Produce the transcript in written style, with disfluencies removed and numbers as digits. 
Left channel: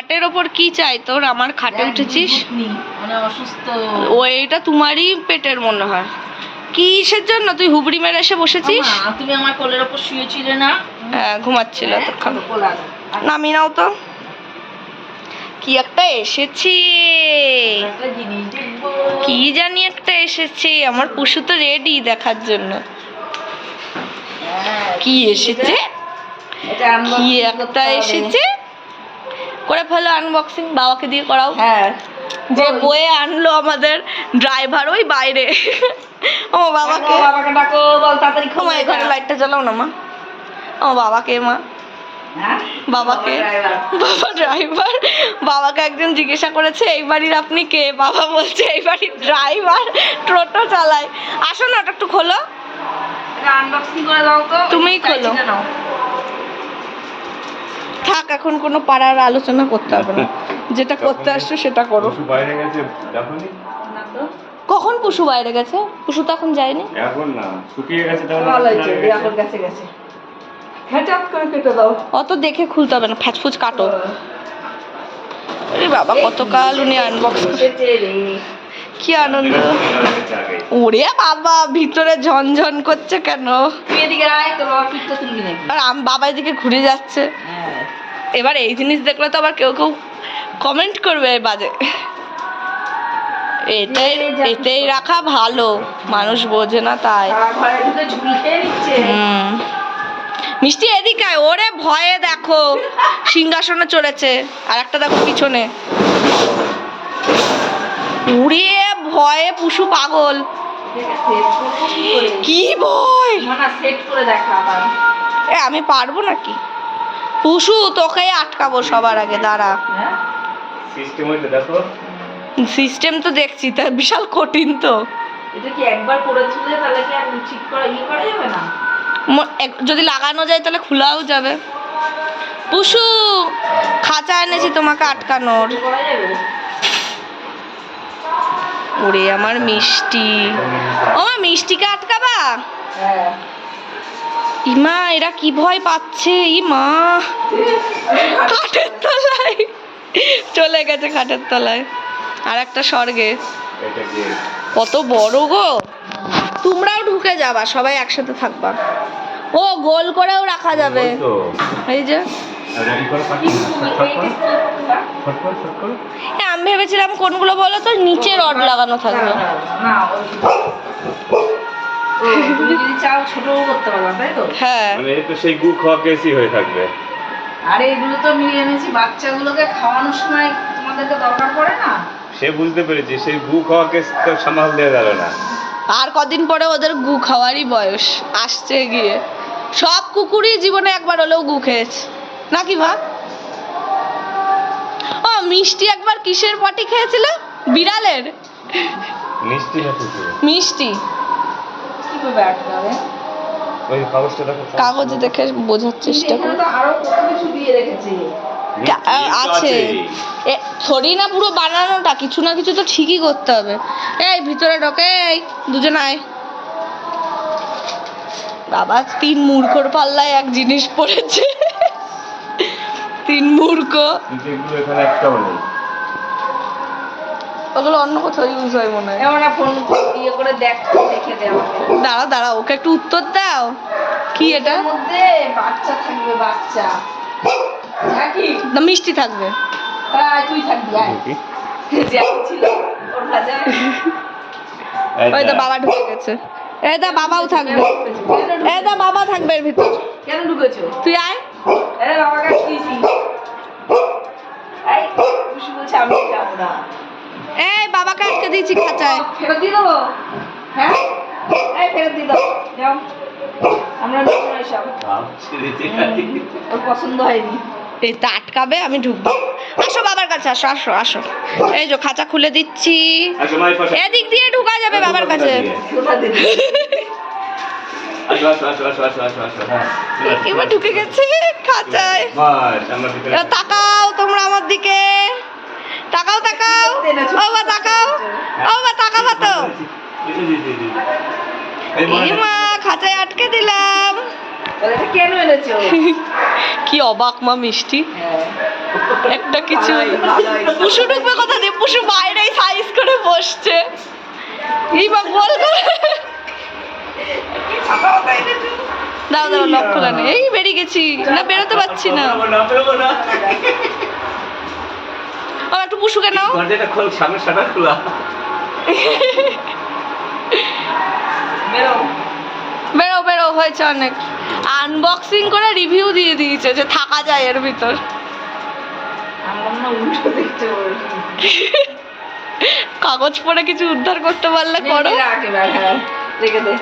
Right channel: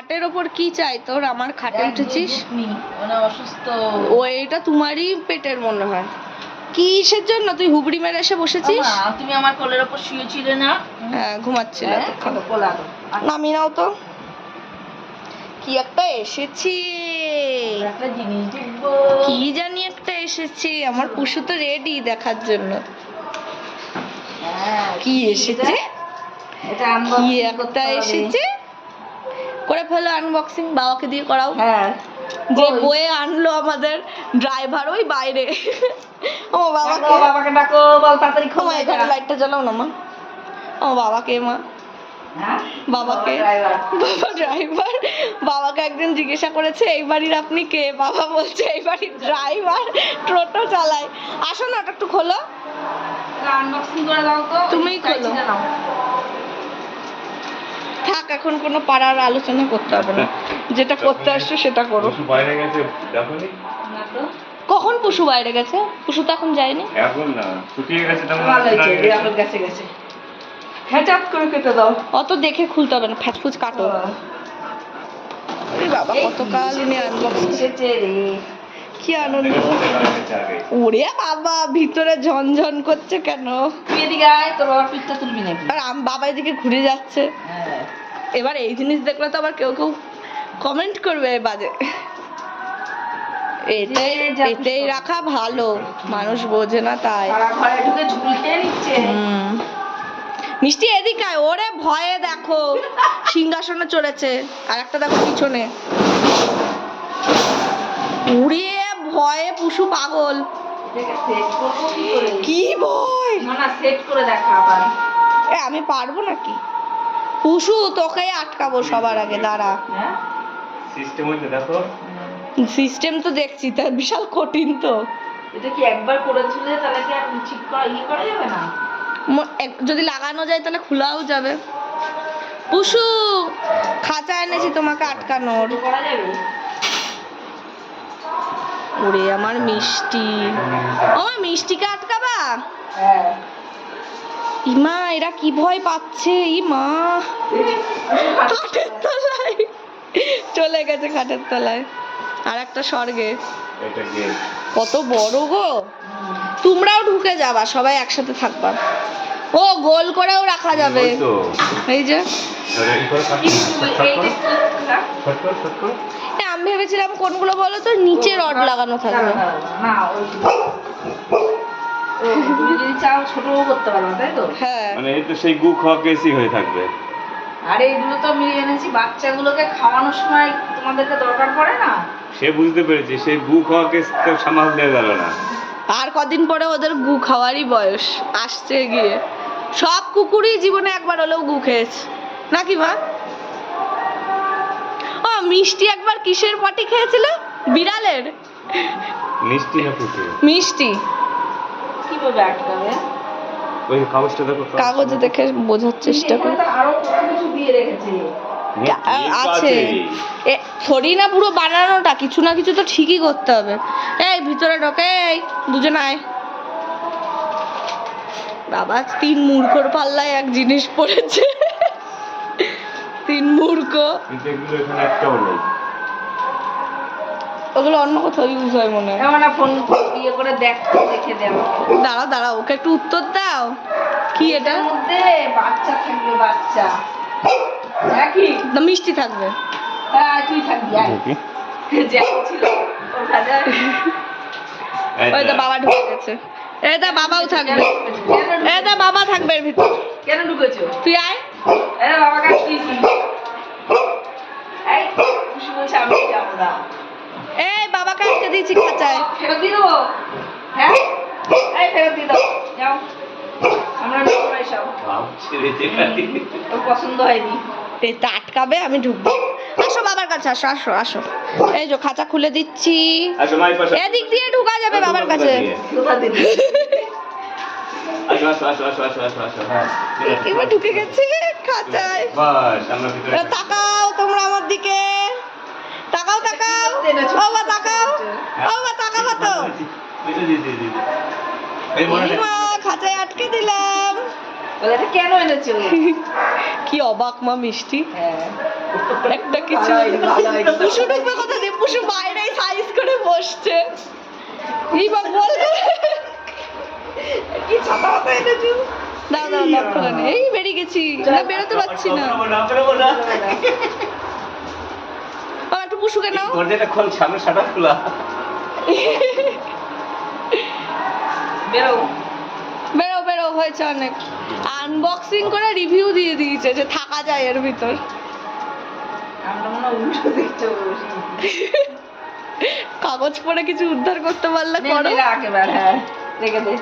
খাটের ওপর কি চাই তোর? আমার খাটে উঠেছিস মানে অসুস্থ। ও এটা তোমারই পেটের মনে হয়। কিসের জন্য তুই হুবড়ি মেরে এসে বসেছিস? তুমি আমার কোলের ওপর শুয়েছিলে না? হ্যাঁ ঘুমাচ্ছিল তখন। নামি নাও তো। কি একটা এসেছি, কি জানি একটা এসেছে। আমার পুষু তো রেডি দেখার জন্য। কি এসেছে, কি একটা এসেছে। করে ফেলো আনবক্সিং, বাবাকে দিয়ে করাও। হ্যাঁ, যে বয়ে আনলো আমাদের ড্রাইভার ওই বাইরে। ও বাবাকে ডাকো, বল তাড়াতাড়ি মা এখানে লাইটটা জ্বালাও না মা। ও বাবাকে মা, বাবাকে, বাবা ড্রাইভার। বাবাকে একজন জিজ্ঞাসা করেছে এই বাড়ির আপনি কে? বাবা বলছে এই বাড়ির ড্রাইভার, টোটো চালায়। আসো না, ওটা একটু খোলো। আনবক্সিং করে দাও তো। তুমিই খোলো। থাক, এখন কোনো পাড়ার আলোচনা করতে হবে না, যেটা করতে আসছো সেটা করো। বাইরে গেছে দেখোনি? কখন পুষু বাইরে গেছে? পুষু তো এখন যায়নি। এখন না, শুকিয়ে গেছে তখন। ভালো হয়েছে, এখন গেছে গেছে। হ্যাঁ, করে কেটে দাও। অত দেখে খুলতে হবে না, ফ্যাচফুচ কাটো। আরে বাবা কতকাল উনি আনবক্স। কি আনন্দ। ওরে বাবা ভিতরে ঝনঝন করছে কেন? আর বাবা এদিকে ঘুরে যাচ্ছে। এবার এই জিনিস দেখলে তো আবার কেউ কেউ কমেন্ট করবে বাজে। এটাই রাখা ভালো, মানুষ বোঝে না তাই। মিষ্টি এদিকে আয়। ওরে ভয়ে দেখো সিংহাসনে চড়েছে, আর একটা দেখো পিছনে। উড়ে ভয়ে পুষু পাগল। কি ভয়, আমি পারবো নাকি? পুষু তোকে আটকাবো সবার আগে, দাঁড়া। সিস্টেম তো দেখছি, তা বিশাল কঠিন তো। এটা কি একবার করেছিলে তাহলে কি আর ঠিক করা যাবে না? যদি লাগানো যায় তাহলে খোলাও যাবে। পুষু খাঁচা এনেছি তোমাকে আটকানোর। ওরে আমার মিষ্টি, ও মিষ্টিকে আটকাবা? ইমা এরা কি ভয় পাচ্ছে। ইমা খাটের তলায় চলে গেছে, খাটের তলায় আর একটা স্বর্গে। কত বড় গো। তোমরাও ঢুকে যাবা, সবাই একসাথে থাকবা। ও গোল করেও রাখা যাবে। এই যে আমি ভেবেছিলাম কোনগুলো বলো তো, নিচে রড লাগানো থাকবে। হ্যাঁ মানে এই তো সেই গু খাওয়া কেসি হয়ে থাকবে। আরে এগুলো তো আমি এনেছি বাচ্চাগুলোকে খাওয়ানোর সময়, তোমাদেরকে দরকার পড়ে না? সে বুঝতে পেরেছি, সেই গু খাওয়া কেস তো সামাল দিয়ে গেল না। আর কদিন পরে ওদের গু খাওয়ারই বয়স আসছে গিয়ে। সব কুকুরই জীবনে একবার হলেও গু খেয়েছে নাকি মা? ও মিষ্টি একবার কিসের পটি খেয়েছিল? বিড়ালের। মিষ্টি না কুকুর? মিষ্টি। কিভাবে আটকাবে? ওই কাগজটা দেখো, কাগজে দেখে বোঝার চেষ্টা করি। আরো কিছু দিয়ে রেখেছে আছে থরি না, পুরো বানানোটা, কিছু না কিছু তো ঠিকই করতে হবে। এই ভিতরে ঢোকে, এই দুজন আয়। বাবা তিন মূর্খর পাল্লায় এক জিনিস পড়েছে। তিন মূর্খ। কিন্তু এগুলো এখানে একটাও নেই। ওগুলো অন্য কোথাও ইউজ হয় মনে হয়। এমন ফোন ইয়ে করে দেখে দে আমাকে। দাঁড়াও দাঁড়াও, ওকে একটু উত্তর দাও। কি এটা? এর মধ্যে বাচ্চা থাকবে, বাচ্চা নাকি না মিষ্টি থাকবে। আয় তুই থাকবি, আয়। যে ছিল ওখানে। ওই তো বাবা ঢুকে গেছে। এই দা বাবাও থাকবে। এই দা বাবা থাকবে এর ভিতর। কেন ঢুকেছো? তুই আয়। আরে বাবাকে আটকেছি। এই খুশি বলছে আমি যাবো না। এই বাবাকে আটকে দিয়েছি খাঁচায়। ফেরত দিয়ে দেবো? হ্যাঁ, এই ফেরত দিয়ে দাও, যাও। আমরা নেবো না এসব, ওর পছন্দ হয়নি। এই তো আটকাবে, আমি ঢুকবো। আসো বাবার কাছে, আসো আসো আসো। এই যে খাঁচা খুলে দিচ্ছি, এদিক দিয়ে ঢুকা যাবে বাবার কাছে। এবার ঢুকে গেছে খাঁচায়। এবার তাকাও তোমরা আমার দিকে, তাকাও তাকাও। ও বা তাকাও, ও বা তাকাবা তো। এই মা খাঁচায় আটকে দিলাম। বলে এটা কেন এনেছো? কি অবাক মা মিষ্টি। হ্যাঁ একটা কিছু ভালোই। পুষু ঢুকবে কথা দিয়ে, পুষু বাইরেই সাইজ করে বসছে। এই বা গোল করে কি ছাতা মাথা এনেছো? দাও দাও লক খোলা নেই, এই বেরিয়ে গেছি না, বেরোতে পারছি না। বেরোবো না। আর একটু পুষুকে নাও। দরজাটা খোল, সামনে শাটার খোলা। বেরো। বেরো বেরো, হয়েছে অনেক। আনবক্সিং করে রিভিউ দিয়ে দিয়েছে যে থাকা যায় এর ভিতর। আমরা মনে হয় উল্টো দেখতে বসি। কাগজ পড়ে কিছু উদ্ধার করতে পারলে করো। রাখ এবার, হ্যাঁ রেখে দে।